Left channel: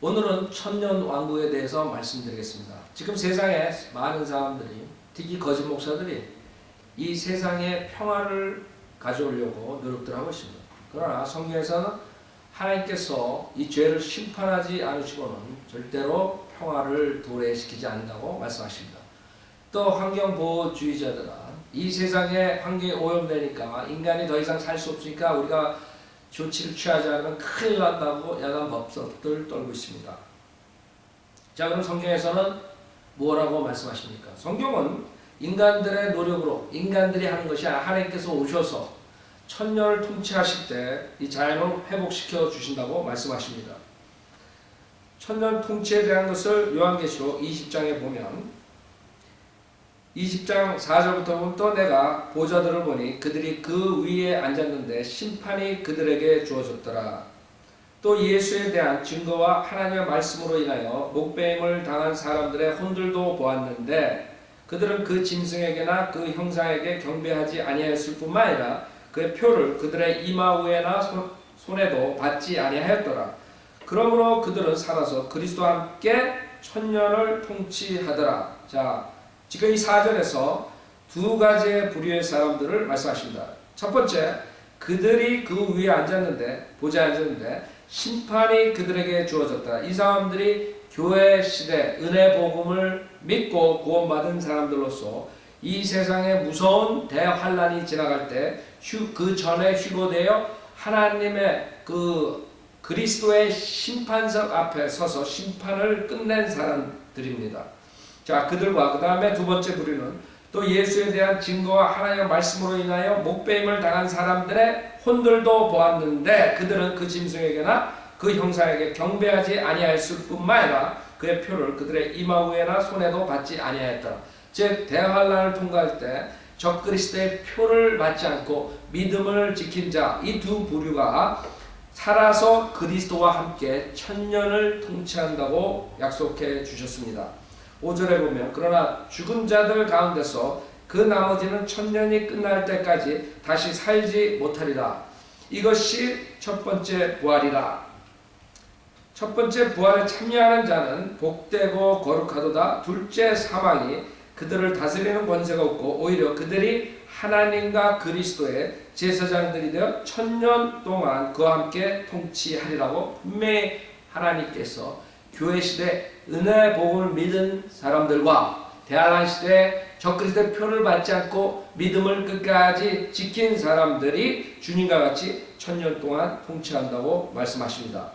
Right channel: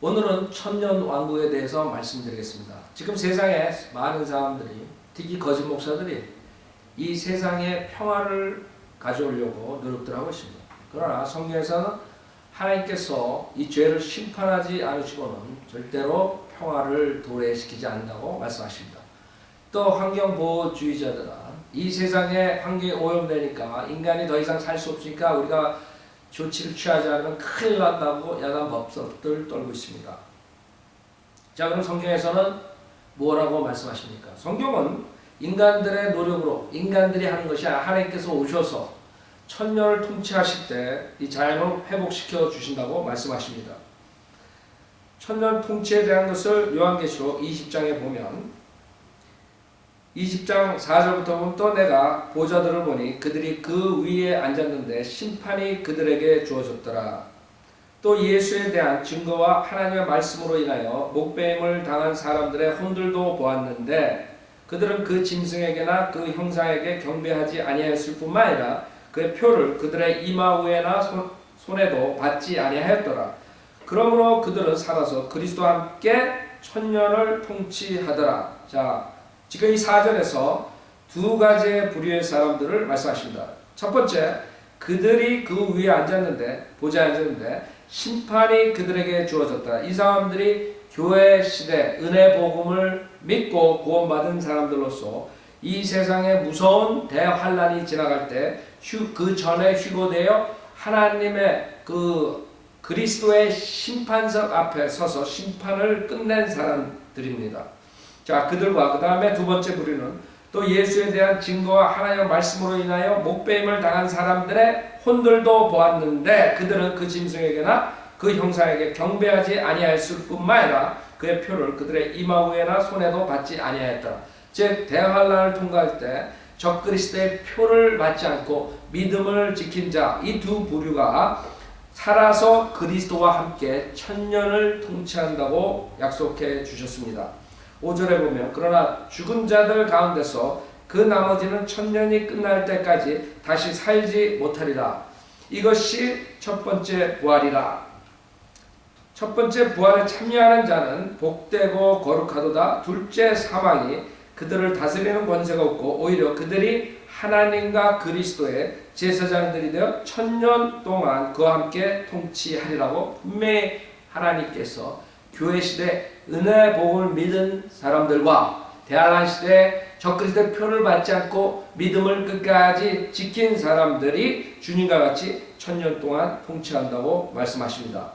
오늘은 천년 왕국에 대해서 말씀드리겠습니다. 지금 세상에 많은 사람들이, 특히 거짓 목사들이 이 세상에 평화를 가져오려고 노력들 하고 있습니다. 그러나 성경에서는 하나님께서 이 죄를 심판하지 않으시고는 절대로 평화를 도래시키지 않는다고 말씀하십니다. 또 환경보호주의자들은 이 세상에 환경이 오염되니까 인간이 더 이상 살 수 없으니까 우리가 조치를 취하지 않으면 큰일 난다고 야단 법석들 떨고 있습니다. 자, 그럼 성경에서는 뭐라고 말씀하십니까? 성경은 인간들의 노력으로 인간들이 하는 것이 아니라 하나님께서 오셔서 천년을 통치하실 때 이 자연을 회복시켜 주신다고 말씀하십니다. 천년 통치에 대한 것을 요한계시록 20장에 보면 20장 4절부터 보면 또 내가 보좌들을 보니 그들이 그 위에 앉았는데 심판이 그들에게 주어졌더라. 또 예수에 대한 증거와 하나님의 말씀으로 인하여 목배임을 당한 사람들의 혼들도 보았는데 그들은 그 짐승에게나 그 형상에게 경배하지 아니하였을 뿐만 아니라 그의 표를 그들의 이마 위에나 손에도 받지 아니하였더라. 그러므로 그들은 살아서 그리스도와 함께 천년을 통치하더라. 자, 지금 이 4절에서 두 가지의 부류의 사람들을 말씀하십니다. 첫 번째, 그들이 그 위에 앉았는데, 보좌에 앉았는데 심판이 그들에게 주어졌다. 이 사람들이 교회 시대 은혜 복음을 믿고 구원받은 사람들로서 이 세상에 무서운 대환란이 지나갈 때 그 전에 휴고되어 하나님의 그리스도의 심판석 앞에 서서 심판을 끝낸 사람들입니다. 자, 그들과 그 다음에 두 번째 부류는 또 예수에 대한 증거와 하나님의 말씀으로 인하여 목배임을 당한 사람들의 혼들도 보았는데 그들은 그 짐승에게나 그 형상에게 경배하지 아니하였을 뿐만 아니라 그의 표를 그들의 이마 위에나 손에도 받지 아니하였더라. 즉 대환란을 통과할 때 적그리스도의 표를 받지 않고 믿음을 지킨 자, 이 두 부류가 살아서 그리스도와 함께 천년을 통치한다고 약속해 주셨습니다. 5절에 보면 그러나 죽은 자들 가운데서 그 나머지는 천년이 끝날 때까지 다시 살지 못하리라. 이것이 첫 번째 부활이라. 첫 번째 부활에 참여하는 자는 복되고 거룩하도다. 둘째 사망이 그들을 다스리는 권세가 없고 오히려 그들이 하나님과 그리스도의 제사장들이 되어 천년 동안 그와 함께 통치하리라고 분명히 하나님께서 교회 시대 은혜 복음을 믿은 사람들과 대환란 시대 적그리스도의 표를 받지 않고 믿음을 끝까지 지킨 사람들이 주님과 같이 천년 동안 통치한다고 말씀하십니다.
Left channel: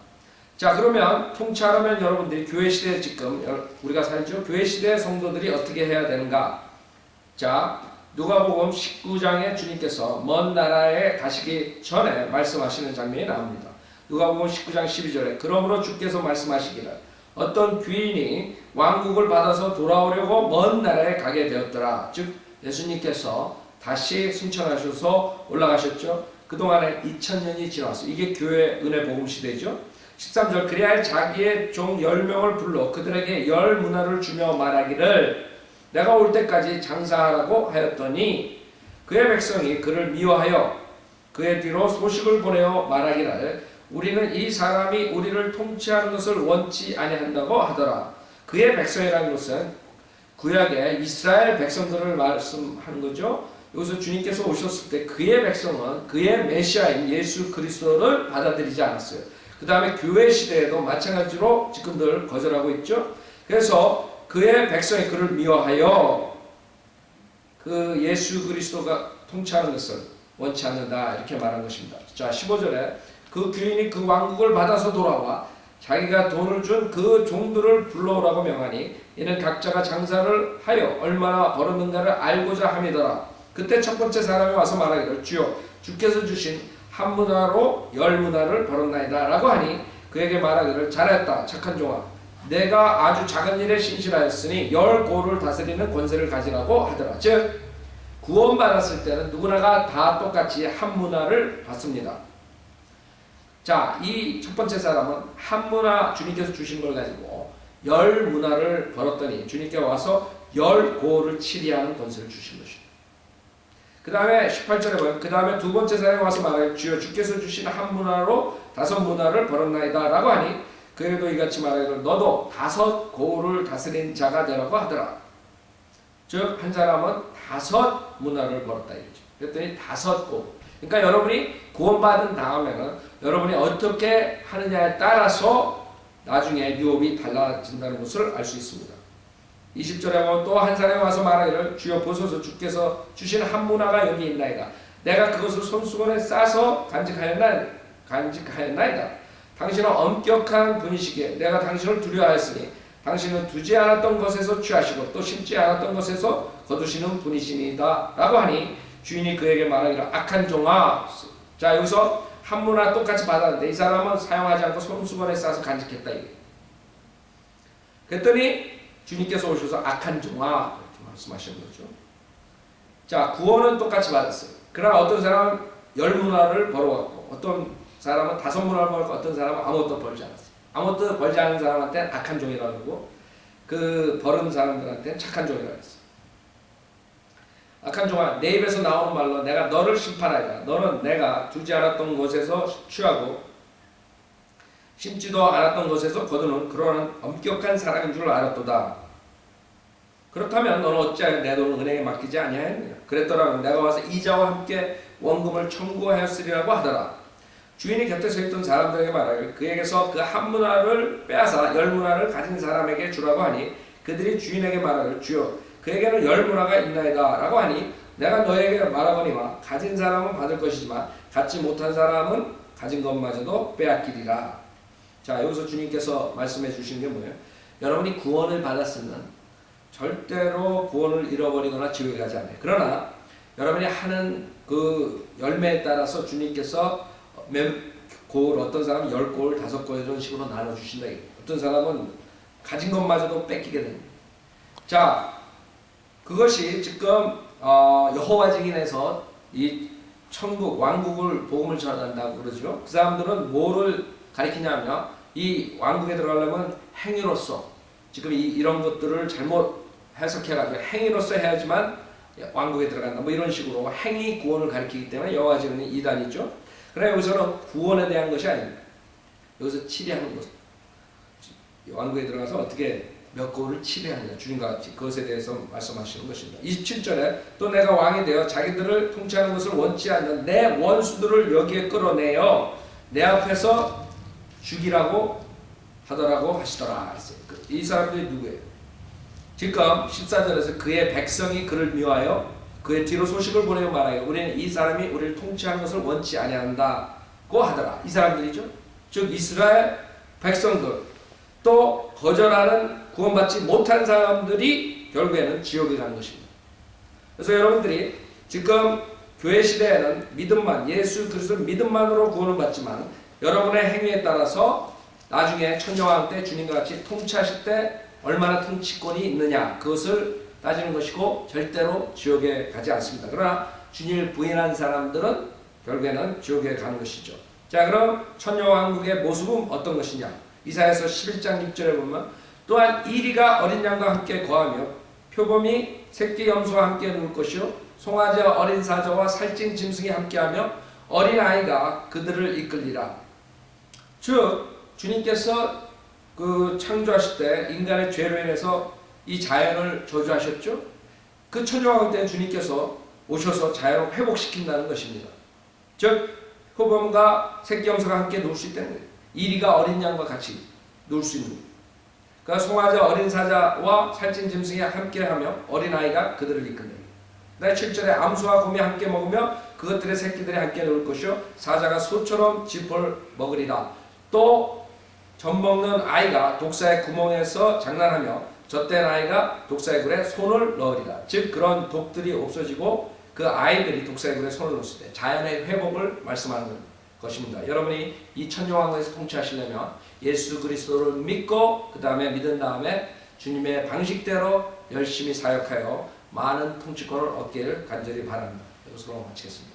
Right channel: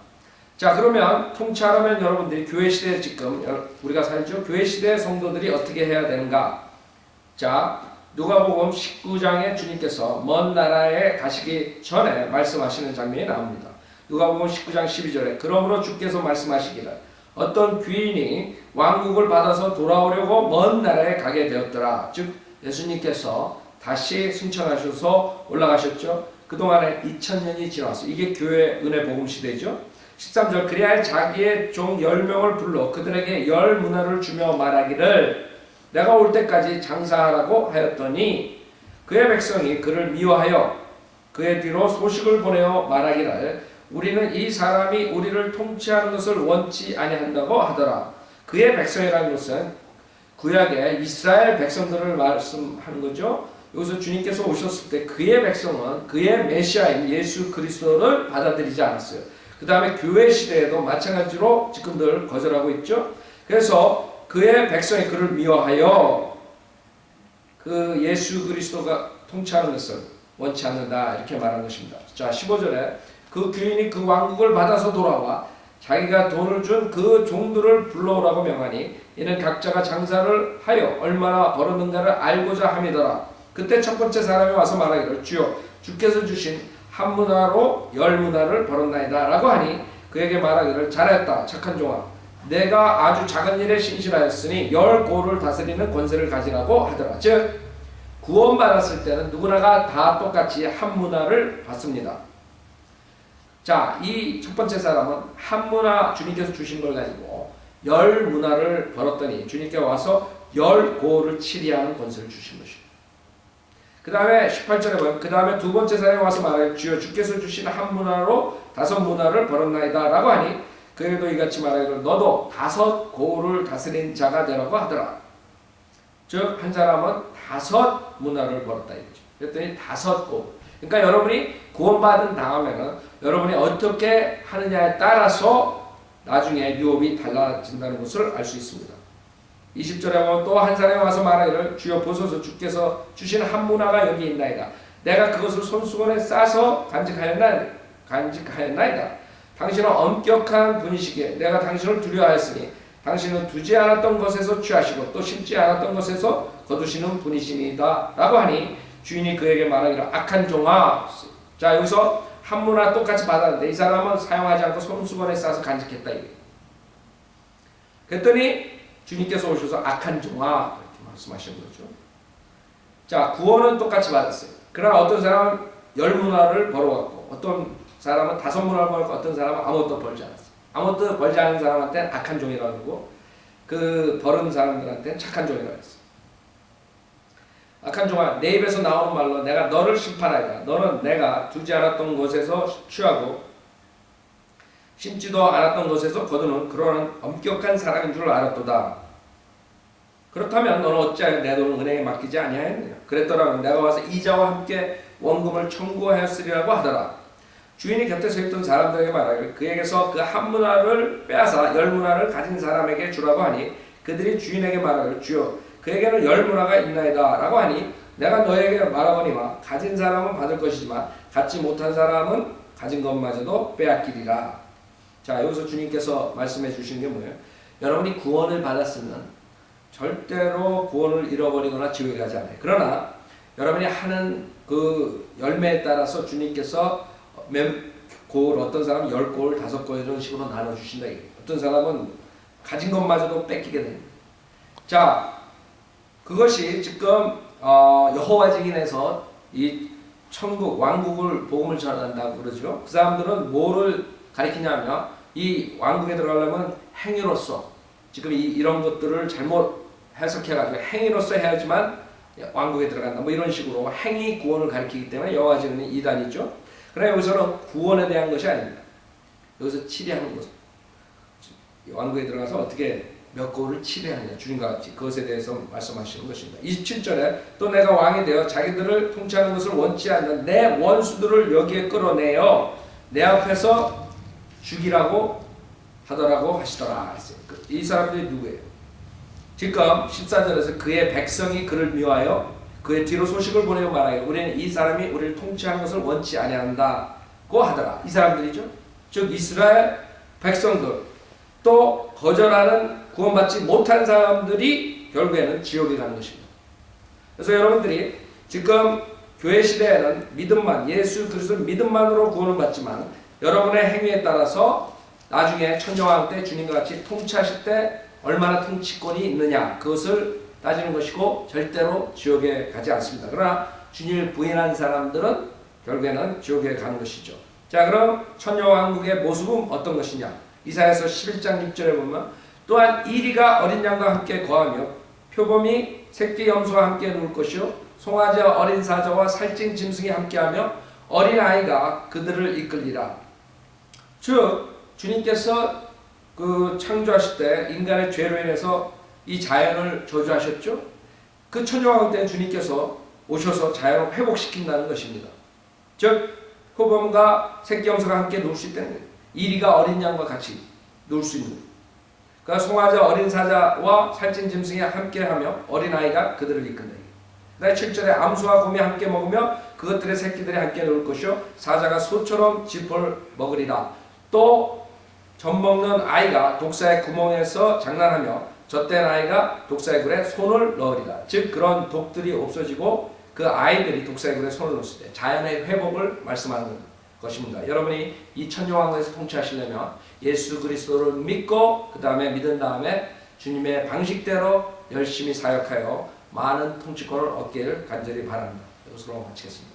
자, 그러면 통치하려면 여러분들이 교회 시대에 지금 우리가 살죠. 교회 시대의 성도들이 어떻게 해야 되는가? 자, 누가복음 19장에 주님께서 먼 나라에 가시기 전에 말씀하시는 장면이 나옵니다. 누가복음 19장 12절에 그러므로 주께서 말씀하시기를 어떤 귀인이 왕국을 받아서 돌아오려고 먼 나라에 가게 되었더라. 즉 예수님께서 다시 승천하셔서 올라가셨죠. 그동안에 2000년이 지나왔어요. 이게 교회 은혜 복음 시대죠. 13절 그리하여 자기의 종 10명을 불러 그들에게 10문화를 주며 말하기를 내가 올 때까지 장사하라고 하였더니 그의 백성이 그를 미워하여 그의 뒤로 소식을 보내어 말하기를 우리는 이 사람이 우리를 통치하는 것을 원치 아니한다고 하더라. 그의 백성이라는 것은 구약의 이스라엘 백성들을 말씀하는 거죠. 여기서 주님께서 오셨을 때 그의 백성은 그의 메시아인 예수 그리스도를 받아들이지 않았어요. 그 다음에 교회 시대에도 마찬가지로 지금 늘 거절하고 있죠. 그래서 그의 백성이 그를 미워하여 그 예수 그리스도가 통치하는 것을 원치 않는다 이렇게 말한 것입니다. 자, 15절에 그 귀인이 그 왕국을 받아서 돌아와 자기가 돈을 준 그 종들을 불러오라고 명하니 이는 각자가 장사를 하여 얼마나 벌었는가를 알고자 함이더라. 그때 첫 번째 사람이 와서 말하기를 주여 주께서 주신 한 문화로 10문화를 벌었나이다 라고 하니 그에게 말하기를 잘했다 착한 종아 내가 아주 작은 일에 신실하였으니 10고를 다스리는 권세를 가지라고 하더라. 즉 구원받았을 때는 누구나가 다 똑같이 한 문화를 받습니다. 자, 이 첫 번째 사람은 한 문화 주님께서 주신 걸 가지고 10문화를 벌었더니 주님께 와서 10고를 치리하는 권세를 주신 것입니다. 그 다음에 18절에 보면 그 다음에 두 번째 사람이 와서 말하여 주여 주께서 주신 한 문화로 5문화를 벌었나이다 라고 하니 그에게도 이같이 말하기를 너도 5 고을을 다스린 자가 되라고 하더라. 즉 한 사람은 5 문화를 벌었다 이거죠. 그랬더니 5 고을. 그러니까 여러분이 구원받은 다음에는 여러분이 어떻게 하느냐에 따라서 나중에 유업이 달라진다는 것을 알 수 있습니다. 20절에 보면 또 한 사람이 와서 말하기를 주여 보소서 주께서 주신 한 문화가 여기 있나이다. 내가 그것을 손수건에 싸서 간직하였나이다. 당신은 엄격한 분이시기에 내가 당신을 두려워하였으니 당신은 두지 않았던 것에서 취하시고 또 심지 않았던 것에서 거두시는 분이시니다 라고 하니 주인이 그에게 말하기를 악한 종아. 자 여기서 한 문화 똑같이 받았는데 이 사람은 사용하지 않고 손수건에 싸서 간직했다 이게. 그랬더니 주님께서 오셔서 악한 종아 이렇게 말씀하시는 거죠. 자 구원은 똑같이 받았어요. 그러나 어떤 사람은 10문화를 벌어왔고 어떤 사람은 5문화를 벌었고 어떤 사람은 아무것도 벌지 않았어요. 아무것도 벌지 않은 사람한테는 악한 종이라고 하고 그 벌은 사람들한테는 착한 종이라고 했어요. 악한 종아 내 입에서 나오는 말로 내가 너를 심판하리라. 너는 내가 두지 않았던 곳에서 취하고 심지도 않았던 곳에서 거두는 그러한 엄격한 사람인 줄 알았도다. 그렇다면 너는 어찌하여 내 돈을 은행에 맡기지 아니하였느냐. 그랬더라면 내가 와서 이자와 함께 원금을 청구하였으리라고 하더라. 주인이 곁에 서 있던 사람들에게 말하기를 그에게서 그 한 문화를 빼앗아 10문화를 가진 사람에게 주라고 하니 그들이 주인에게 말하기를 주여 그에게는 10문화가 있나이다 라고 하니 내가 너에게 말하거니와 가진 사람은 받을 것이지만 갖지 못한 사람은 가진 것마저도 빼앗기리라. 자 여기서 주님께서 말씀해 주시는 게 뭐예요? 여러분이 구원을 받았으면 절대로 구원을 잃어버리거나 지옥에 가지 않아요. 그러나 여러분이 하는 그 열매에 따라서 주님께서 고을 어떤 사람은 10고을 5고을 이런 식으로 나눠주신다. 어떤 사람은 가진 것마저도 뺏기게 됩니다. 자 그것이 지금 여호와 증인에서 이 천국 왕국을 복음을 전한다고 그러죠. 그 사람들은 뭐를 가리키냐면 이 왕국에 들어가려면 행위로서 지금 이런 것들을 잘못 해석해가지고 행위로서 해야지만 왕국에 들어간다 뭐 이런 식으로 행위 구원을 가리키기 때문에 여호와 증인은 이단이죠. 그러나 여기서는 구원에 대한 것이 아닙니다. 여기서 치리하는 것 왕국에 들어가서 어떻게 몇 고을을 치료하느냐 주님과 같이 그것에 대해서 말씀하시는 것입니다. 27절에 또 내가 왕이 되어 자기들을 통치하는 것을 원치 않는 내 원수들을 여기에 끌어내어 내 앞에서 죽이라고 하더라고 하시더라. 이 사람들이 누구예요? 지금 14절에서 그의 백성이 그를 미워하여 그의 뒤로 소식을 보내고 말하여 우리는 이 사람이 우리를 통치하는 것을 원치 아니한다고 하더라. 이 사람들이죠. 즉 이스라엘 백성들 또 거절하는 구원받지 못한 사람들이 결국에는 지옥에 가는 것입니다. 그래서 여러분들이 지금 교회 시대에는 믿음만 예수 그리스도 믿음만으로 구원을 받지만 여러분의 행위에 따라서 나중에 천정왕 때 주님과 같이 통치하실 때 얼마나 통치권이 있느냐 그것을 따지는 것이고 절대로 지옥에 가지 않습니다. 그러나 주님을 부인한 사람들은 결국에는 지옥에 가는 것이죠. 자 그럼 천녀왕국의 모습은 어떤 것이냐. 이사야서 11장 6절에 보면 또한 이리가 어린 양과 함께 거하며 표범이 새끼 염소와 함께 누울 것이요 송아지와 어린 사자와 살찐 짐승이 함께하며 어린 아이가 그들을 이끌리라. 즉 주님께서 그 창조하실 때 인간의 죄로 인해서 이 자연을 저주하셨죠. 그 천정왕국 때 주님께서 오셔서 자연을 회복시킨다는 것입니다. 즉 표범과 새끼 염소가 함께 누울 수 있다는 거예요. 이리가 어린 양과 같이 누울 수 있는 거예요. 그러니까 송아지와 어린 사자와 살찐 짐승이 함께하며 어린아이가 그들을 이끈다. 그다음에 7절에 암소와 곰이 함께 먹으며 그것들의 새끼들이 함께 놀 것이요 사자가 소처럼 짚을 먹으리라. 또 젖먹는 아이가 독사의 구멍에서 장난하며 젖된 아이가 독사의 굴에 손을 넣으리라. 즉 그런 독들이 없어지고 그 아이들이 독사의 굴에 손을 넣었을 때 자연의 회복을 말씀하는 것입니다. 여러분이 이 천정왕국에서 통치하시려면 예수 그리스도를 믿고 그 다음에 믿은 다음에 주님의 방식대로 열심히 사역하여 많은 통치권을 얻기를 간절히 바랍니다. 이것으로 마치겠습니다.